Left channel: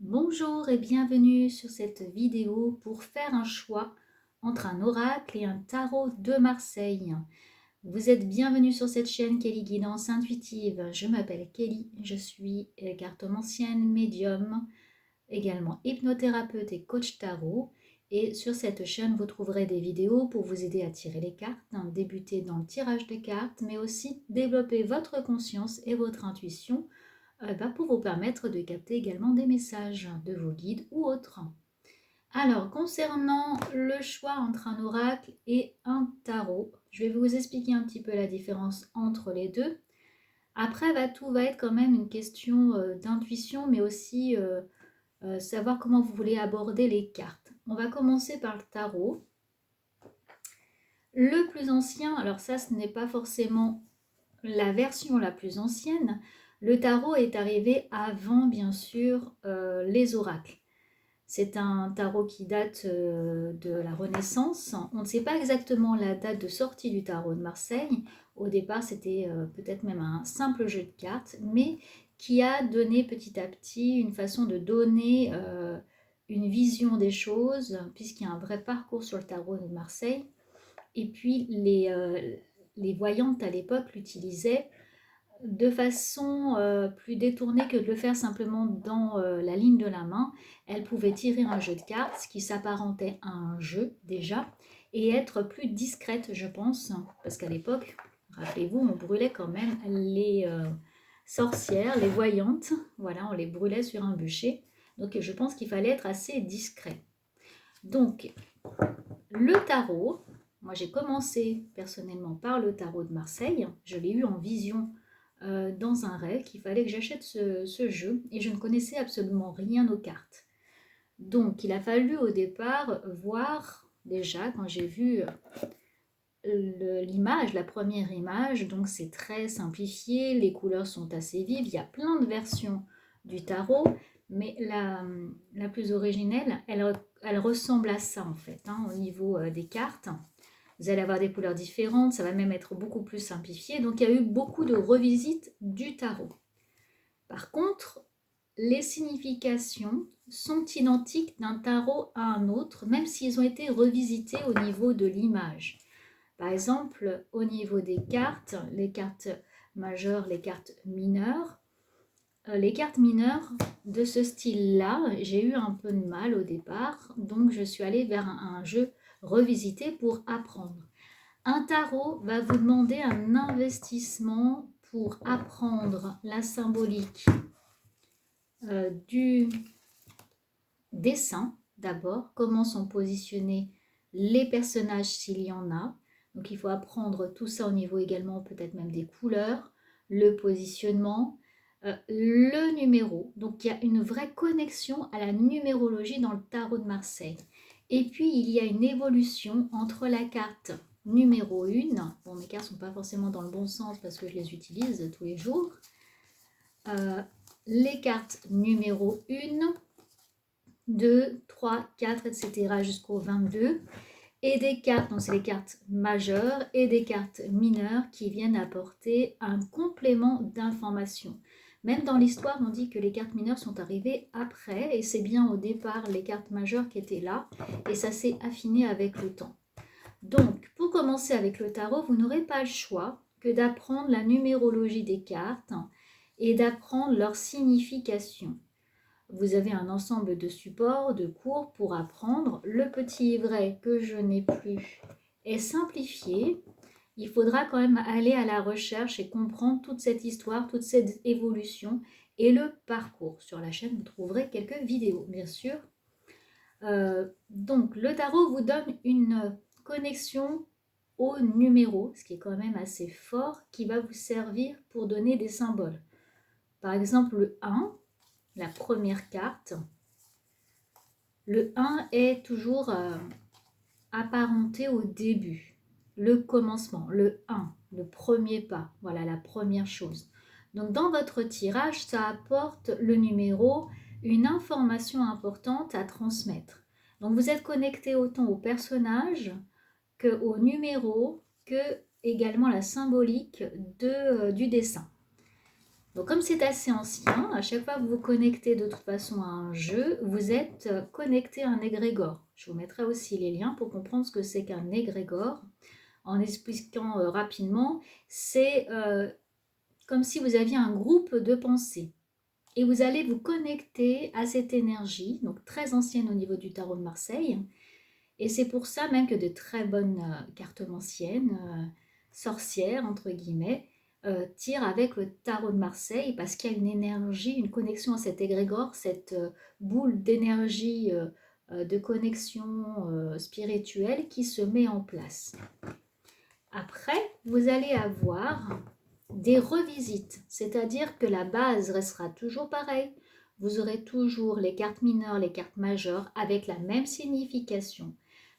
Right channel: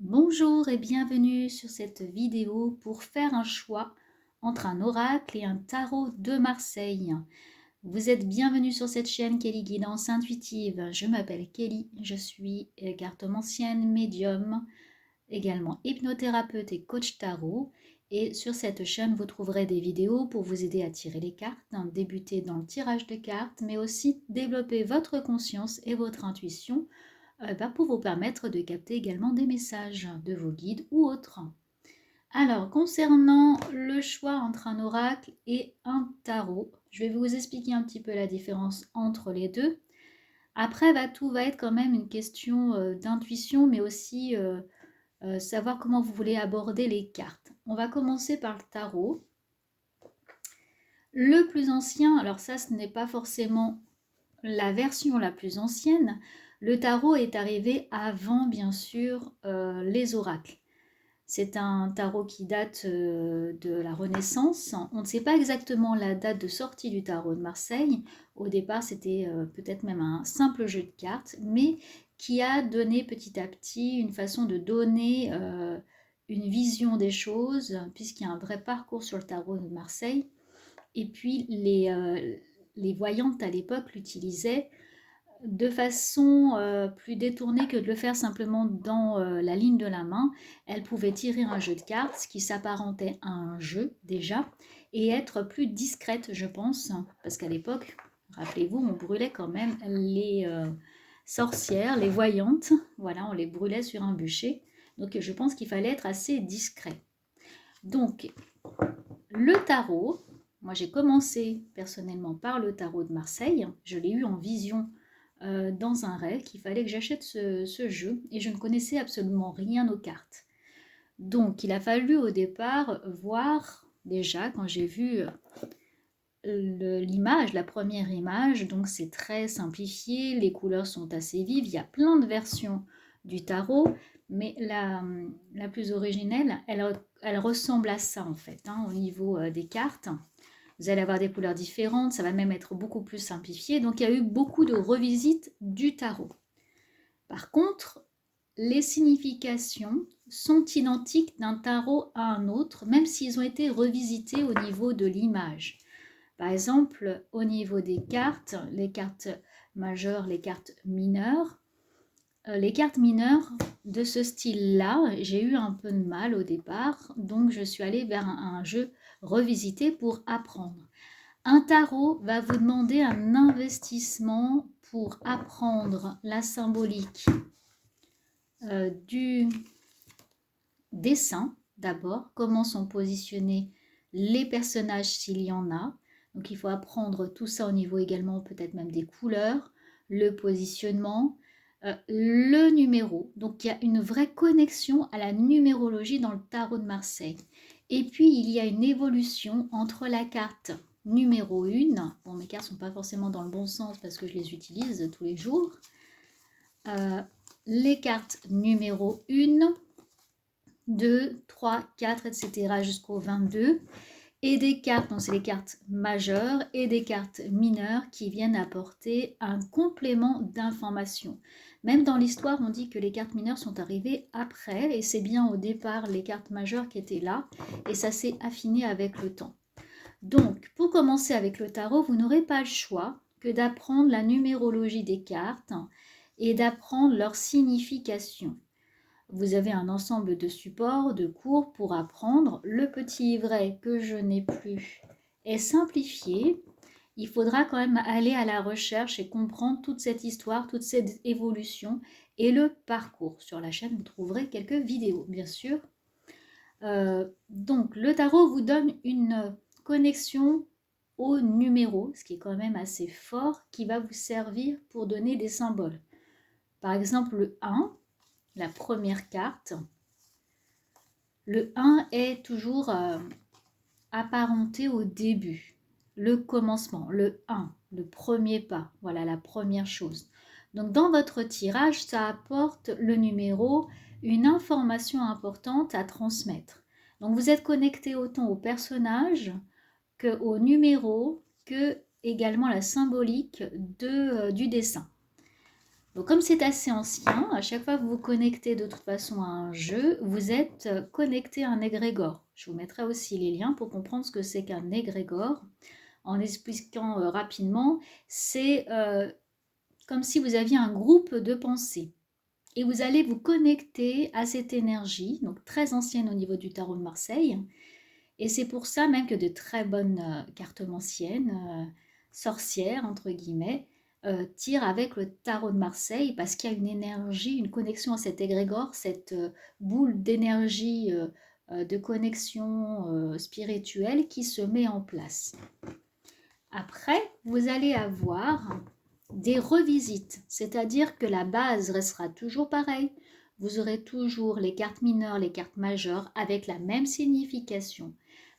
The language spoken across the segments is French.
Bonjour et bienvenue sur cette vidéo pour faire un choix entre un oracle et un tarot de Marseille. Vous êtes bienvenue sur cette chaîne Kelly Guidance Intuitive. Je m'appelle Kelly, je suis cartomancienne, médium, également hypnothérapeute et coach tarot. Et sur cette chaîne, vous trouverez des vidéos pour vous aider à tirer les cartes, débuter dans le tirage de cartes, mais aussi développer votre conscience et votre intuition pour vous permettre de capter également des messages de vos guides ou autres. Alors, concernant le choix entre un oracle et un tarot, je vais vous expliquer un petit peu la différence entre les deux. Après, tout va être quand même une question d'intuition, mais aussi savoir comment vous voulez aborder les cartes. On va commencer par le tarot. Le plus ancien, alors ça, ce n'est pas forcément la version la plus ancienne. Le tarot est arrivé avant, bien sûr, les oracles. C'est un tarot qui date de la Renaissance. On ne sait pas exactement la date de sortie du tarot de Marseille. Au départ, c'était peut-être même un simple jeu de cartes, mais qui a donné petit à petit une façon de donner une vision des choses, puisqu'il y a un vrai parcours sur le tarot de Marseille. Et puis, les voyantes à l'époque l'utilisaient de façon plus détournée que de le faire simplement dans la ligne de la main. Elle pouvait tirer un jeu de cartes, ce qui s'apparentait à un jeu déjà, et être plus discrète, je pense, parce qu'à l'époque, rappelez-vous, on brûlait quand même les sorcières, les voyantes, voilà, on les brûlait sur un bûcher, donc je pense qu'il fallait être assez discret. Donc, le tarot, moi j'ai commencé personnellement par le tarot de Marseille, je l'ai eu en vision dans un rêve qu'il fallait que j'achète ce jeu et je ne connaissais absolument rien aux cartes. Donc il a fallu au départ voir déjà quand j'ai vu l'image, la première image, donc c'est très simplifié, les couleurs sont assez vives, il y a plein de versions du tarot, mais la plus originelle, elle ressemble à ça en fait, au niveau des cartes. Vous allez avoir des couleurs différentes, ça va même être beaucoup plus simplifié. Donc il y a eu beaucoup de revisites du tarot. Par contre, les significations sont identiques d'un tarot à un autre, même s'ils ont été revisités au niveau de l'image. Par exemple, au niveau des cartes, les cartes majeures, les cartes mineures, les cartes mineures de ce style-là, j'ai eu un peu de mal au départ, donc je suis allée vers un jeu revisité pour apprendre. Un tarot va vous demander un investissement pour apprendre la symbolique du dessin, d'abord, comment sont positionnés les personnages s'il y en a. Donc il faut apprendre tout ça au niveau également peut-être même des couleurs, le positionnement, le numéro. Donc il y a une vraie connexion à la numérologie dans le tarot de Marseille. Et puis il y a une évolution entre la carte numéro 1, bon mes cartes ne sont pas forcément dans le bon sens parce que je les utilise tous les jours, les cartes numéro 1, 2, 3, 4, etc. jusqu'au 22, et des cartes, donc c'est les cartes majeures, et des cartes mineures qui viennent apporter un complément d'information. Même dans l'histoire, on dit que les cartes mineures sont arrivées après, et c'est bien au départ les cartes majeures qui étaient là, et ça s'est affiné avec le temps. Donc, pour commencer avec le tarot, vous n'aurez pas le choix que d'apprendre la numérologie des cartes et d'apprendre leur signification. Vous avez un ensemble de supports, de cours pour apprendre. Le petit livret que je n'ai plus est simplifié. Il faudra quand même aller à la recherche et comprendre toute cette histoire, toute cette évolution et le parcours. Sur la chaîne, vous trouverez quelques vidéos, bien sûr. Donc, le tarot vous donne une connexion au numéro, ce qui est quand même assez fort, qui va vous servir pour donner des symboles. Par exemple, le 1, la première carte. Le 1 est toujours apparenté au début, le commencement, le 1, le premier pas, voilà la première chose. Donc dans votre tirage, ça apporte le numéro, une information importante à transmettre. Donc vous êtes connecté autant au personnage qu'au numéro, que également la symbolique du dessin. Donc comme c'est assez ancien, à chaque fois que vous vous connectez de toute façon à un jeu, vous êtes connecté à un égrégore. Je vous mettrai aussi les liens pour comprendre ce que c'est qu'un égrégore. En expliquant rapidement, c'est comme si vous aviez un groupe de pensées. Et vous allez vous connecter à cette énergie, donc très ancienne au niveau du tarot de Marseille. Et c'est pour ça même que de très bonnes cartomanciennes, sorcières entre guillemets, tirent avec le tarot de Marseille parce qu'il y a une énergie, une connexion à cet égrégore, cette boule d'énergie, de connexion spirituelle qui se met en place. Après, vous allez avoir des revisites, c'est-à-dire que la base restera toujours pareille. Vous aurez toujours les cartes mineures, les cartes majeures avec la même signification.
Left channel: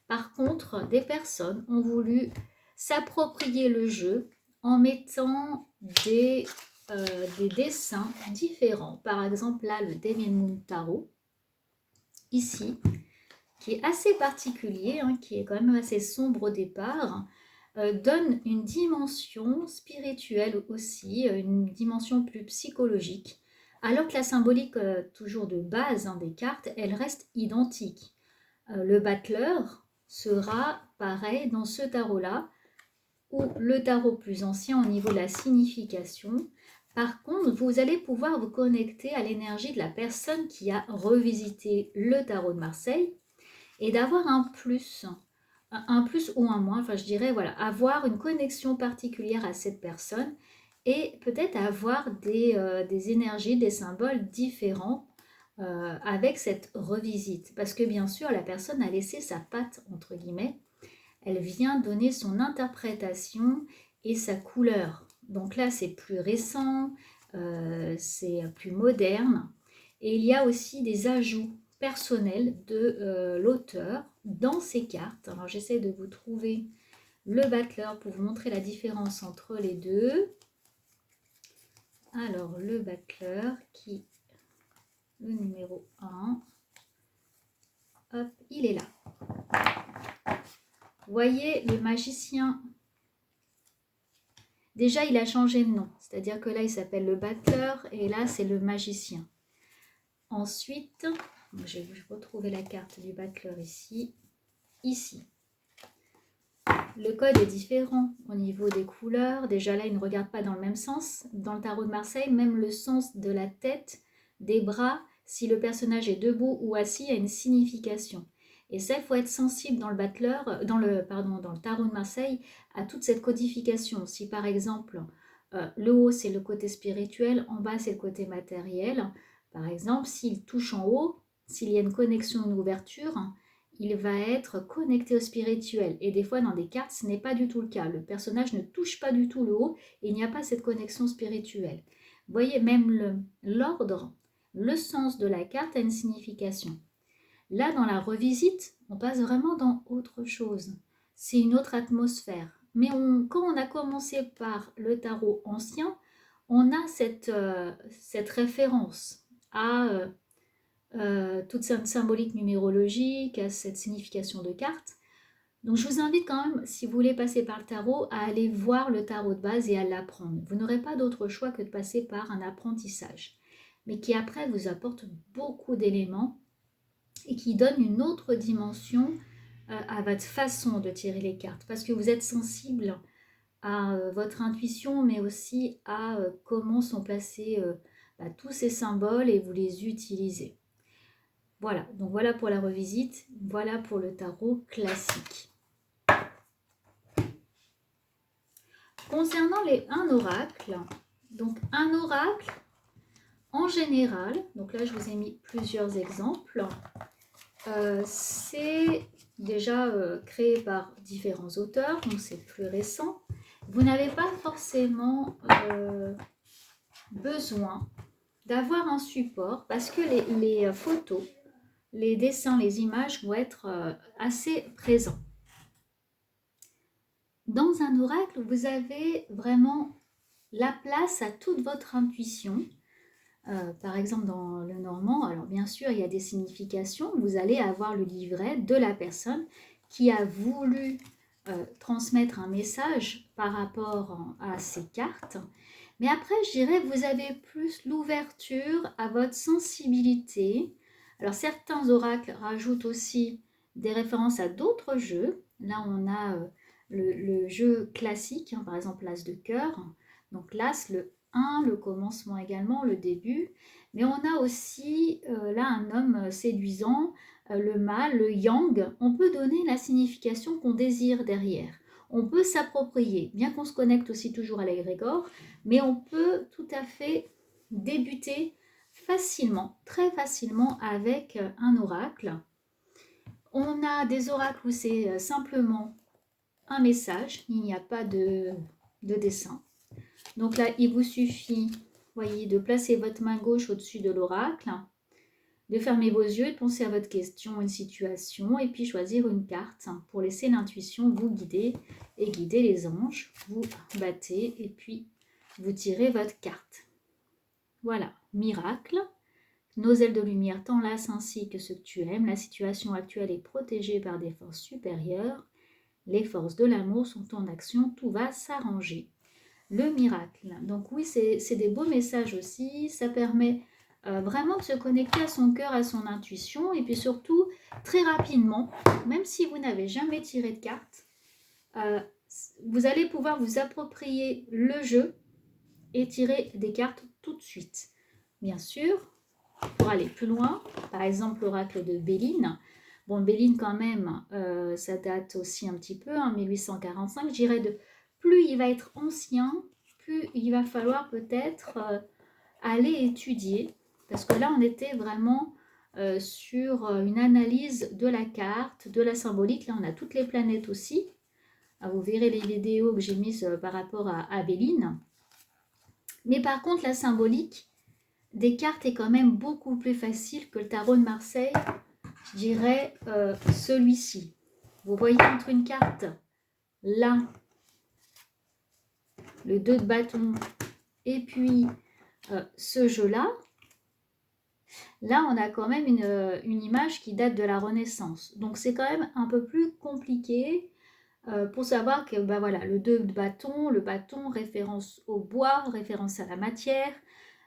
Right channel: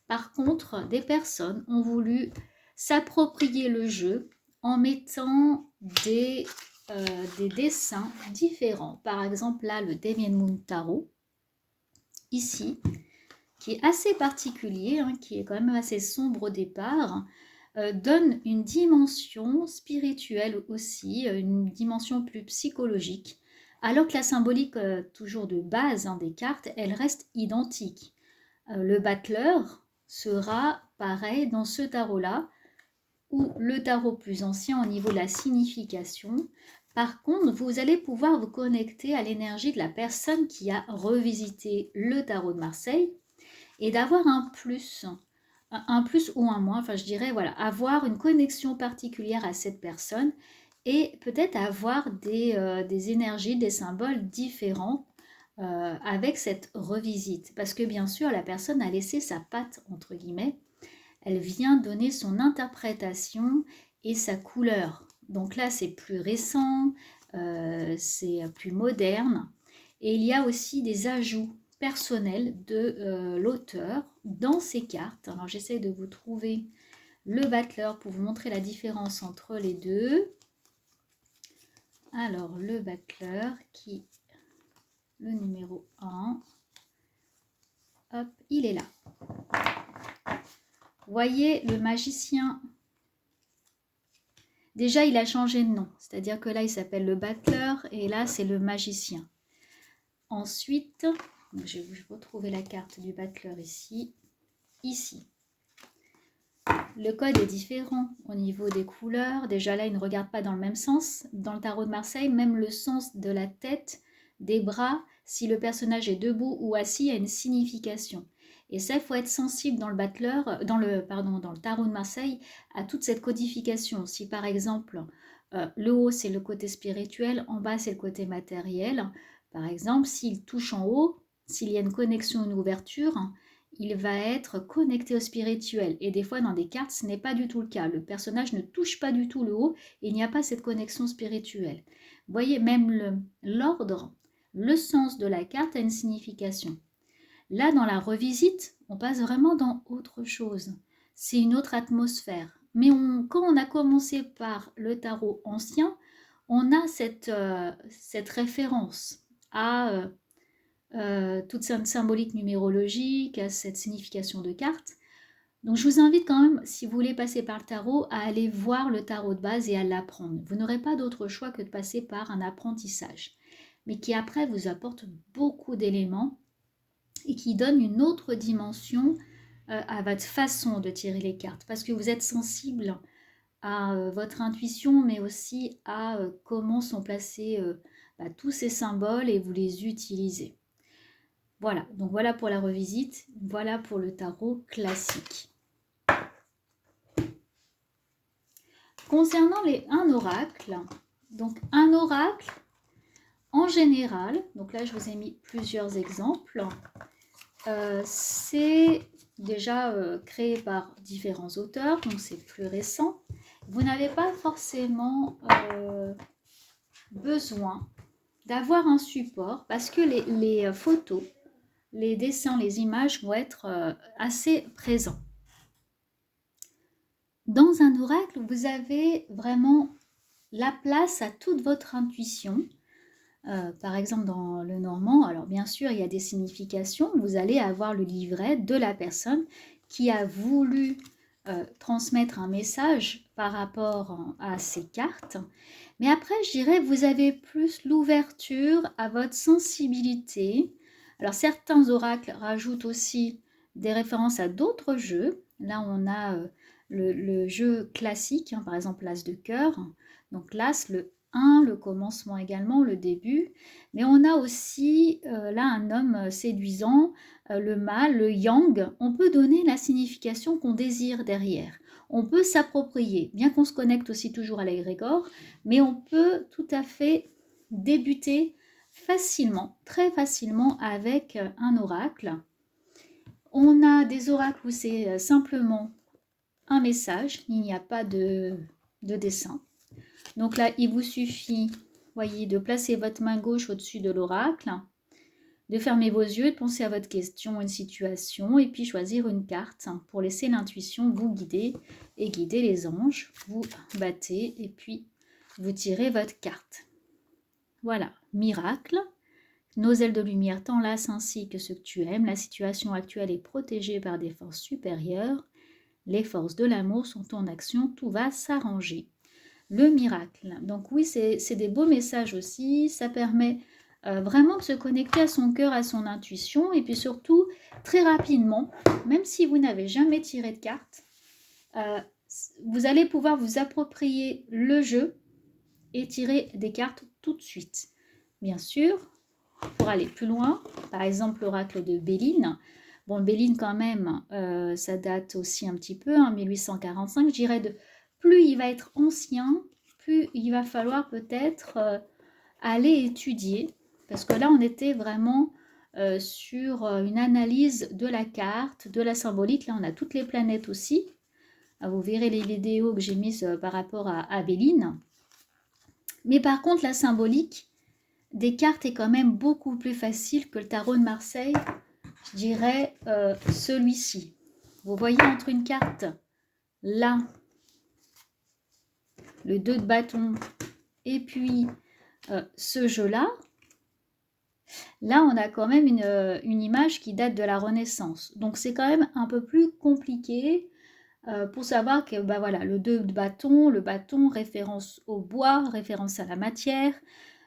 Par contre, des personnes ont voulu s'approprier le jeu en mettant des dessins différents. Par exemple, là, le Damien Moon Tarot, ici, qui est assez particulier, hein, qui est quand même assez sombre au départ, donne une dimension spirituelle aussi, une dimension plus psychologique, alors que la symbolique, toujours de base hein, des cartes, elle reste identique. Le battleur sera pareil dans ce tarot-là, ou le tarot plus ancien au niveau de la signification. Par contre, vous allez pouvoir vous connecter à l'énergie de la personne qui a revisité le tarot de Marseille et d'avoir un plus ou un moins, enfin je dirais, voilà, avoir une connexion particulière à cette personne et peut-être avoir des énergies, des symboles différents avec cette revisite. Parce que bien sûr, la personne a laissé sa patte, entre guillemets, elle vient donner son interprétation et sa couleur. Donc là, c'est plus récent, c'est plus moderne. Et il y a aussi des ajouts personnels de l'auteur dans ces cartes. Alors j'essaie de vous trouver le battleur pour vous montrer la différence entre les deux. Alors le battleur qui, le numéro 1, hop, il est là. Voyez le magicien. Déjà, il a changé de nom, c'est-à-dire que là, il s'appelle le battleur et là, c'est le magicien. Ensuite, je vais retrouver la carte du battleur ici. Ici. Le code est différent au niveau des couleurs. Déjà là, il ne regarde pas dans le même sens. Dans le tarot de Marseille, même le sens de la tête, des bras, si le personnage est debout ou assis, a une signification. Et ça, il faut être sensible dans le battleur, dans le tarot de Marseille, à toute cette codification. Si par exemple, le haut, c'est le côté spirituel, en bas, c'est le côté matériel. Par exemple, s'il touche en haut, s'il y a une connexion, une ouverture, il va être connecté au spirituel. Et des fois, dans des cartes, ce n'est pas du tout le cas. Le personnage ne touche pas du tout le haut et il n'y a pas cette connexion spirituelle. Vous voyez, même l'ordre, le sens de la carte a une signification. Là, dans la revisite, on passe vraiment dans autre chose. C'est une autre atmosphère. Mais quand on a commencé par le tarot ancien, on a cette référence à toute cette symbolique numérologique, à cette signification de carte. Donc je vous invite quand même, si vous voulez passer par le tarot, à aller voir le tarot de base et à l'apprendre. Vous n'aurez pas d'autre choix que de passer par un apprentissage, mais qui après vous apporte beaucoup d'éléments et qui donne une autre dimension à votre façon de tirer les cartes, parce que vous êtes sensible à votre intuition, mais aussi à comment sont placés tous ces symboles et vous les utilisez. Voilà, donc voilà pour la revisite, voilà pour le tarot classique. Concernant un oracle, donc un oracle, en général, donc là je vous ai mis plusieurs exemples, c'est déjà créé par différents auteurs, donc c'est plus récent. Vous n'avez pas forcément besoin d'avoir un support parce que les photos, les dessins, les images vont être assez présents. Dans un oracle, vous avez vraiment la place à toute votre intuition. Par exemple, dans le normand, alors bien sûr, il y a des significations. Vous allez avoir le livret de la personne qui a voulu transmettre un message par rapport à ces cartes. Mais après, je dirais, vous avez plus l'ouverture à votre sensibilité. Alors, certains oracles rajoutent aussi des références à d'autres jeux. Là, on a le jeu classique, hein, par exemple l'As de cœur. Donc, l'As, le 1, le commencement également, le début. Mais on a aussi là un homme séduisant, le mâle, le yang. On peut donner la signification qu'on désire derrière. On peut s'approprier, bien qu'on se connecte aussi toujours à l'égrégore, mais on peut tout à fait débuter facilement, très facilement avec un oracle. On a des oracles où c'est simplement un message, il n'y a pas de dessin. Donc là, il vous suffit, voyez, de placer votre main gauche au-dessus de l'oracle, de fermer vos yeux, de penser à votre question, une situation, et puis choisir une carte pour laisser l'intuition vous guider et guider les anges. Vous battez et puis vous tirez votre carte. Voilà, miracle. Nos ailes de lumière t'enlacent ainsi que ce que tu aimes. La situation actuelle est protégée par des forces supérieures. Les forces de l'amour sont en action. Tout va s'arranger. Le miracle. Donc oui, c'est des beaux messages aussi. Ça permet vraiment de se connecter à son cœur, à son intuition. Et puis surtout, très rapidement, même si vous n'avez jamais tiré de carte, vous allez pouvoir vous approprier le jeu et tirer des cartes tout de suite. Bien sûr, pour aller plus loin, par exemple l'oracle de Béline. Bon, Béline quand même, ça date aussi un petit peu, hein, 1845. Je dirais de plus il va être ancien, plus il va falloir peut-être aller étudier. Parce que là, on était vraiment sur une analyse de la carte, de la symbolique. Là, on a toutes les planètes aussi. Vous verrez les vidéos que j'ai mises par rapport à Béline. Mais par contre, la symbolique des cartes est quand même beaucoup plus facile que le tarot de Marseille, je dirais celui-ci. Vous voyez entre une carte, là, le 2 de bâton, et puis ce jeu-là, là, on a quand même une image qui date de la Renaissance. Donc, c'est quand même un peu plus compliqué pour savoir que bah, voilà, le 2 de bâton, le bâton, référence au bois, référence à la matière,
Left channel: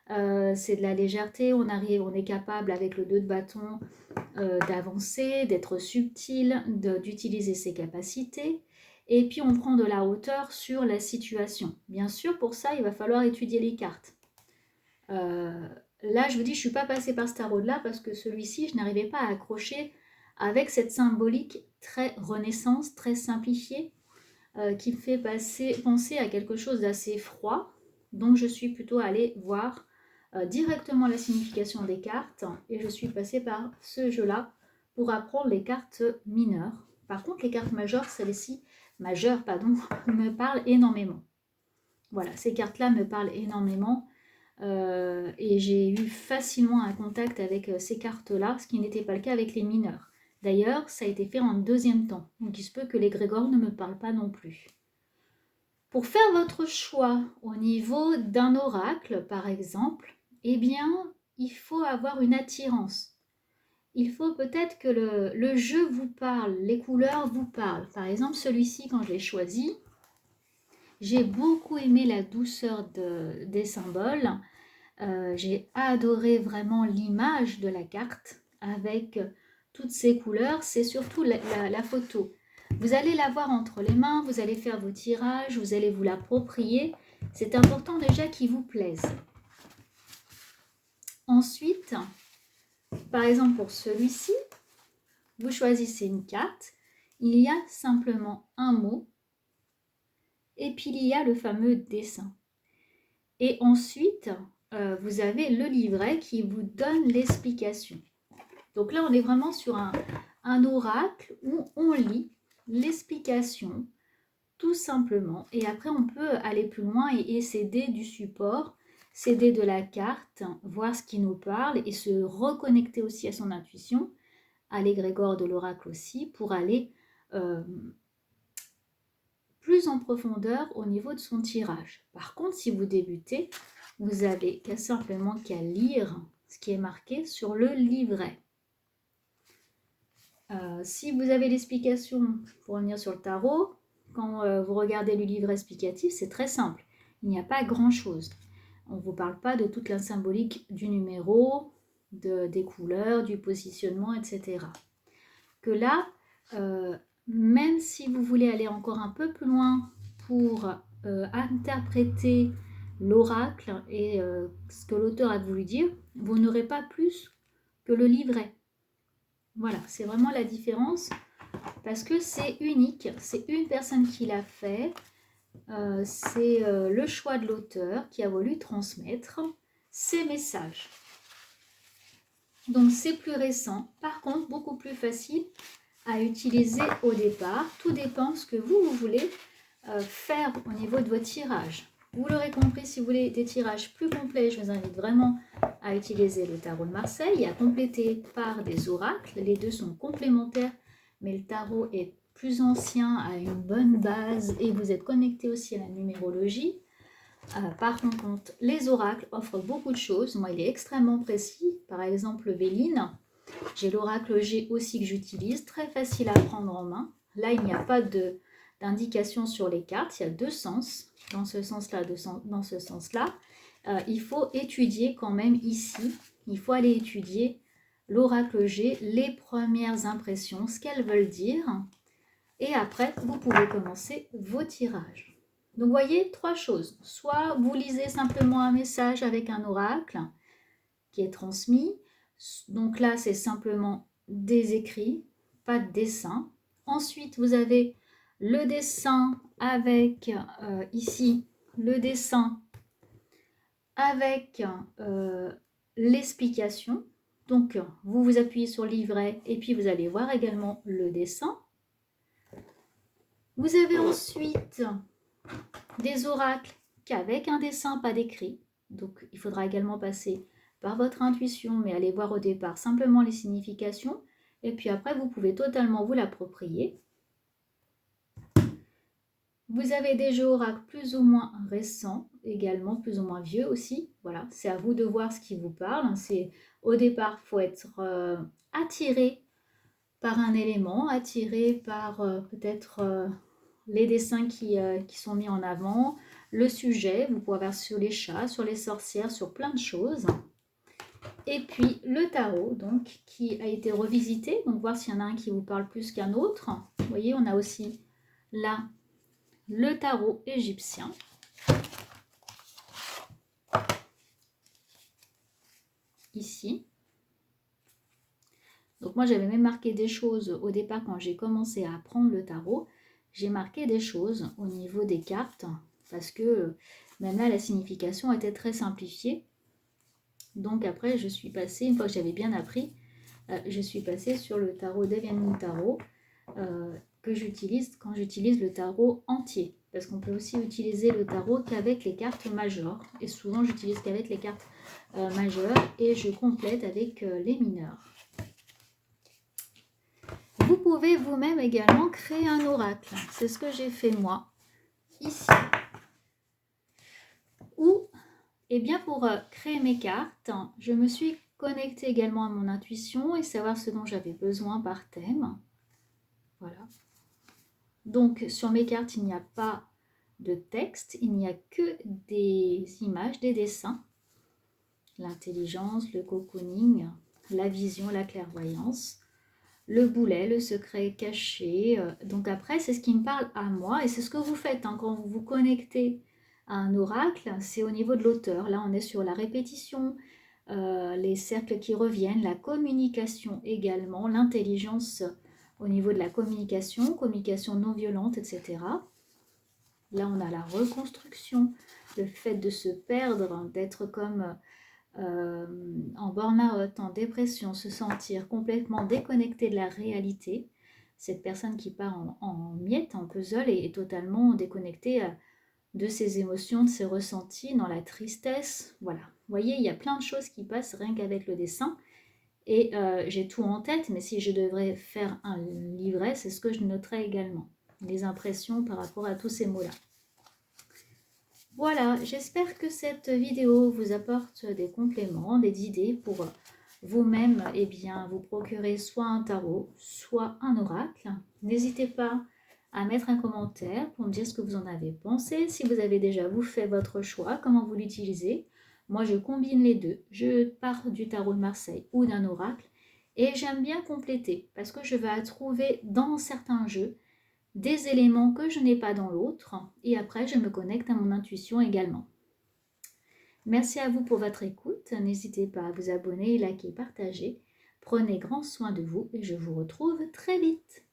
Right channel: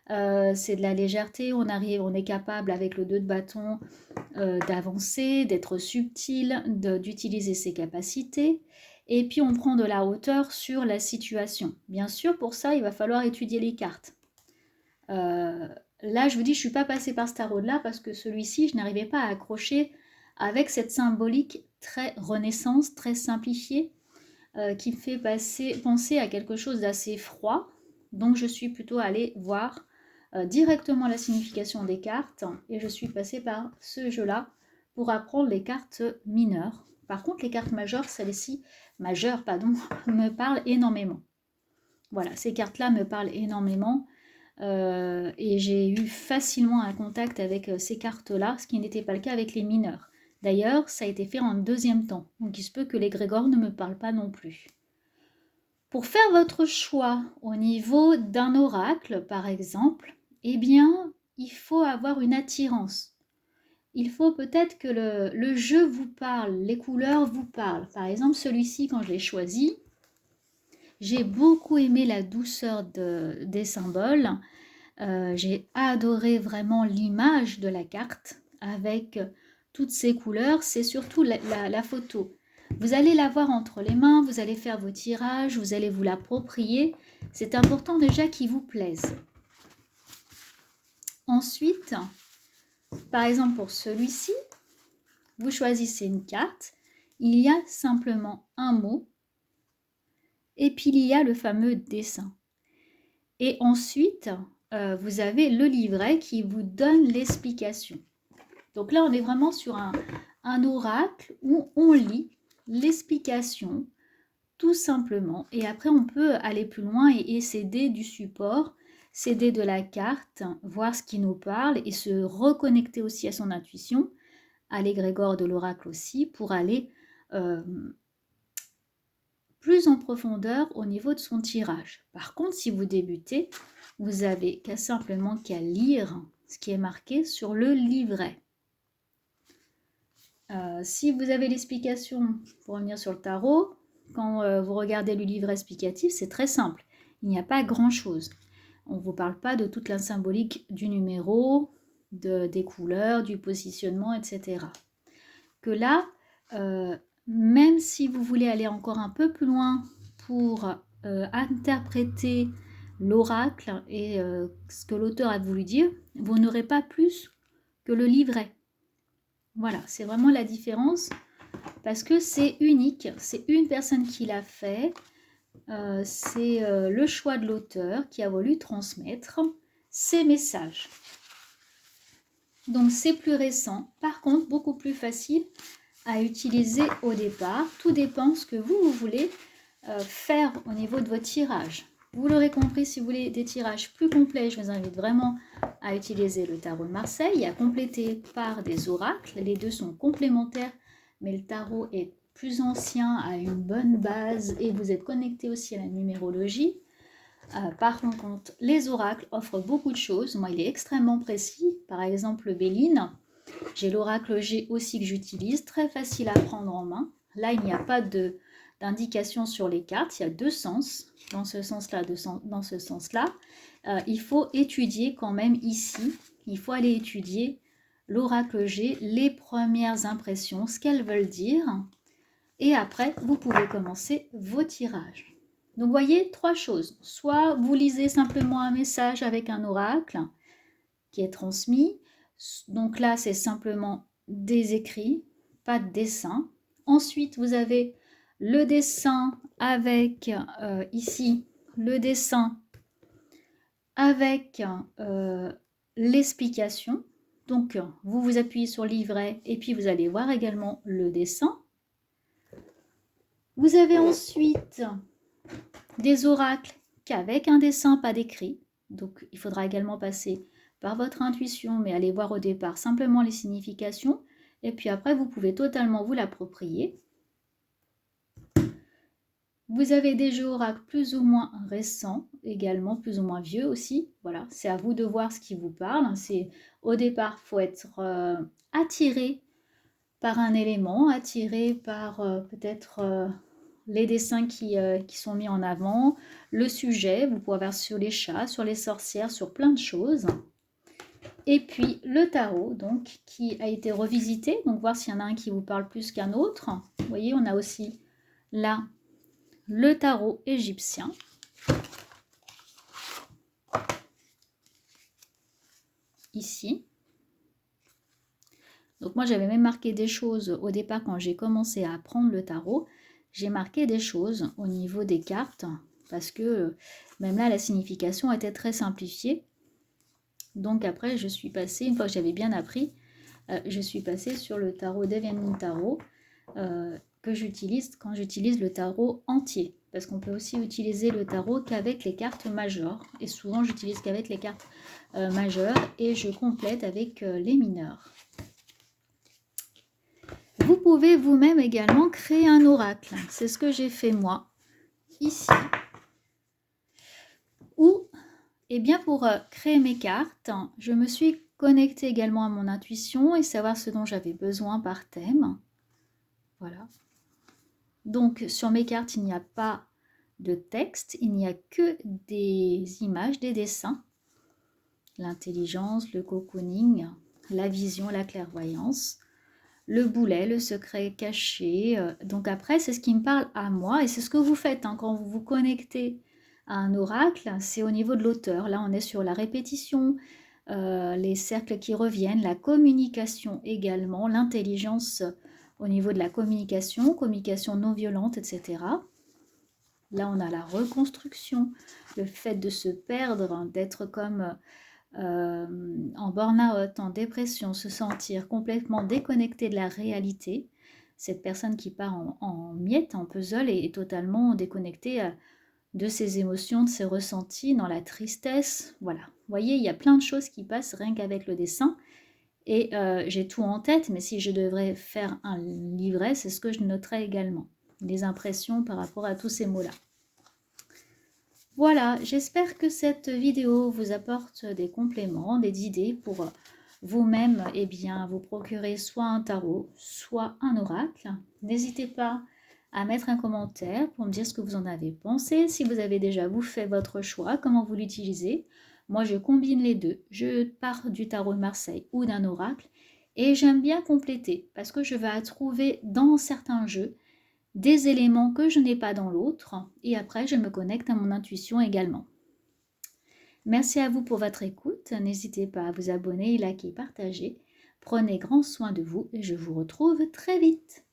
c'est de la légèreté, on est capable avec le 2 de bâton d'avancer, d'être subtil, d'utiliser ses capacités. Et puis on prend de la hauteur sur la situation. Bien sûr, pour ça, il va falloir étudier les cartes. Là, je vous dis, je ne suis pas passée par ce tarot-là parce que celui-ci, je n'arrivais pas à accrocher avec cette symbolique très renaissance, très simplifiée, qui me fait penser à quelque chose d'assez froid. Donc, je suis plutôt allée voir directement la signification des cartes et je suis passée par ce jeu-là pour apprendre les cartes mineures. Par contre, les cartes majeures, celles-ci, majeures, pardon, me parlent énormément. Voilà, ces cartes-là me parlent énormément et j'ai eu facilement un contact avec ces cartes-là, ce qui n'était pas le cas avec les mineurs. D'ailleurs, ça a été fait en deuxième temps, donc il se peut que l'égrégore ne me parle pas non plus. Pour faire votre choix au niveau d'un oracle, par exemple, eh bien, il faut avoir une attirance. Il faut peut-être que le jeu vous parle, les couleurs vous parlent. Par exemple, celui-ci, quand je l'ai choisi, j'ai beaucoup aimé la douceur des symboles. J'ai adoré vraiment l'image de la carte avec toutes ces couleurs. C'est surtout la photo. Vous allez la voir entre les mains, vous allez faire vos tirages, vous allez vous l'approprier. C'est important déjà qu'il vous plaise. Ensuite, par exemple pour celui-ci, vous choisissez une carte. Il y a simplement un mot et puis il y a le fameux dessin. Et ensuite, vous avez le livret qui vous donne l'explication. Donc là, on est vraiment sur un oracle où on lit l'explication tout simplement. Et après, on peut aller plus loin et s'aider du support, s'aider de la carte, voir ce qui nous parle et se reconnecter aussi à son intuition, à l'égrégore de l'oracle aussi, pour aller plus en profondeur au niveau de son tirage. Par contre, si vous débutez, vous avez simplement qu'à lire ce qui est marqué sur le livret. Si vous avez l'explication, pour revenir sur le tarot, quand vous regardez le livret explicatif, c'est très simple. il n'y a pas grand-chose. On ne vous parle pas de toute la symbolique du numéro, des couleurs, du positionnement, etc. Que là, même si vous voulez aller encore un peu plus loin pour interpréter l'oracle et ce que l'auteur a voulu dire, vous n'aurez pas plus que le livret. Voilà, c'est vraiment la différence parce que c'est unique, c'est une personne qui l'a fait, c'est le choix de l'auteur qui a voulu transmettre ces messages. Donc c'est plus récent, par contre beaucoup plus facile à utiliser au départ. Tout dépend ce que vous voulez faire au niveau de votre tirage. Vous l'aurez compris, si vous voulez des tirages plus complets, je vous invite vraiment à utiliser le tarot de Marseille et à compléter par des oracles. Les deux sont complémentaires, mais le tarot est plus ancien, a une bonne base et vous êtes connecté aussi à la numérologie. Par contre, les oracles offrent beaucoup de choses. Moi, il est extrêmement précis. Par exemple, le Béline, j'ai l'oracle G aussi que j'utilise, très facile à prendre en main. Là, il n'y a pas d'indication sur les cartes, il y a deux sens, dans ce sens-là, dans ce sens-là. Il faut étudier quand même ici, il faut aller étudier l'oracle G, les premières impressions, ce qu'elles veulent dire. Et après, vous pouvez commencer vos tirages. Donc, vous voyez, trois choses. Soit vous lisez simplement un message avec un oracle qui est transmis. Donc là, c'est simplement des écrits, pas de dessin. Ensuite, vous avez le dessin avec, ici, le dessin avec l'explication. Donc, vous vous appuyez sur le livret et puis vous allez voir également le dessin. Vous avez ensuite des oracles qu'avec un dessin, pas d'écrit. Donc, il faudra également passer par votre intuition, mais allez voir au départ simplement les significations. Et puis après, vous pouvez totalement vous l'approprier. Vous avez des jeux oracles plus ou moins récents, également plus ou moins vieux aussi. Voilà, c'est à vous de voir ce qui vous parle. Au départ, il faut être attiré par un élément, attiré par peut-être les dessins qui sont mis en avant, le sujet, vous pouvez avoir sur les chats, sur les sorcières, sur plein de choses. Et puis le tarot, donc, qui a été revisité, donc voir s'il y en a un qui vous parle plus qu'un autre. Vous voyez, on a aussi là le tarot égyptien. Ici. Donc moi, j'avais même marqué des choses au départ quand j'ai commencé à apprendre le tarot. J'ai marqué des choses au niveau des cartes parce que même là, la signification était très simplifiée. Donc après, je suis passée, une fois que j'avais bien appris, je suis passée sur le tarot Deviant Tarot que j'utilise quand j'utilise le tarot entier. Parce qu'on peut aussi utiliser le tarot qu'avec les cartes majeures. Et souvent, j'utilise qu'avec les cartes majeures et je complète avec les mineures. Vous pouvez vous-même également créer un oracle. C'est ce que j'ai fait moi, ici. Ou, eh bien, pour créer mes cartes, je me suis connectée également à mon intuition et savoir ce dont j'avais besoin par thème. Voilà. Donc, sur mes cartes, il n'y a pas de texte, il n'y a que des images, des dessins. L'intelligence, le cocooning, la vision, la clairvoyance, le boulet, le secret caché. Donc après, c'est ce qui me parle à moi et c'est ce que vous faites quand vous vous connectez à un oracle, c'est au niveau de l'auteur. Là, on est sur la répétition, les cercles qui reviennent, la communication également, l'intelligence au niveau de la communication non violente, etc. Là, on a la reconstruction, le fait de se perdre, d'être comme en burn-out, en dépression, se sentir complètement déconnecté de la réalité. Cette personne qui part en miettes, en puzzle, est totalement déconnectée de ses émotions, de ses ressentis, dans la tristesse. Voilà. Vous voyez, il y a plein de choses qui passent rien qu'avec le dessin. Et j'ai tout en tête, mais si je devrais faire un livret, c'est ce que je noterais également. Les impressions par rapport à tous ces mots-là. Voilà, j'espère que cette vidéo vous apporte des compléments, des idées pour vous-même vous procurer soit un tarot, soit un oracle. N'hésitez pas à mettre un commentaire pour me dire ce que vous en avez pensé, si vous avez déjà vous fait votre choix, comment vous l'utilisez. Moi, je combine les deux. Je pars du tarot de Marseille ou d'un oracle et j'aime bien compléter parce que je vais trouver dans certains jeux des éléments que je n'ai pas dans l'autre et après, je me connecte à mon intuition également. Merci à vous pour votre écoute. N'hésitez pas à vous abonner, liker, partager. Prenez grand soin de vous et je vous retrouve très vite.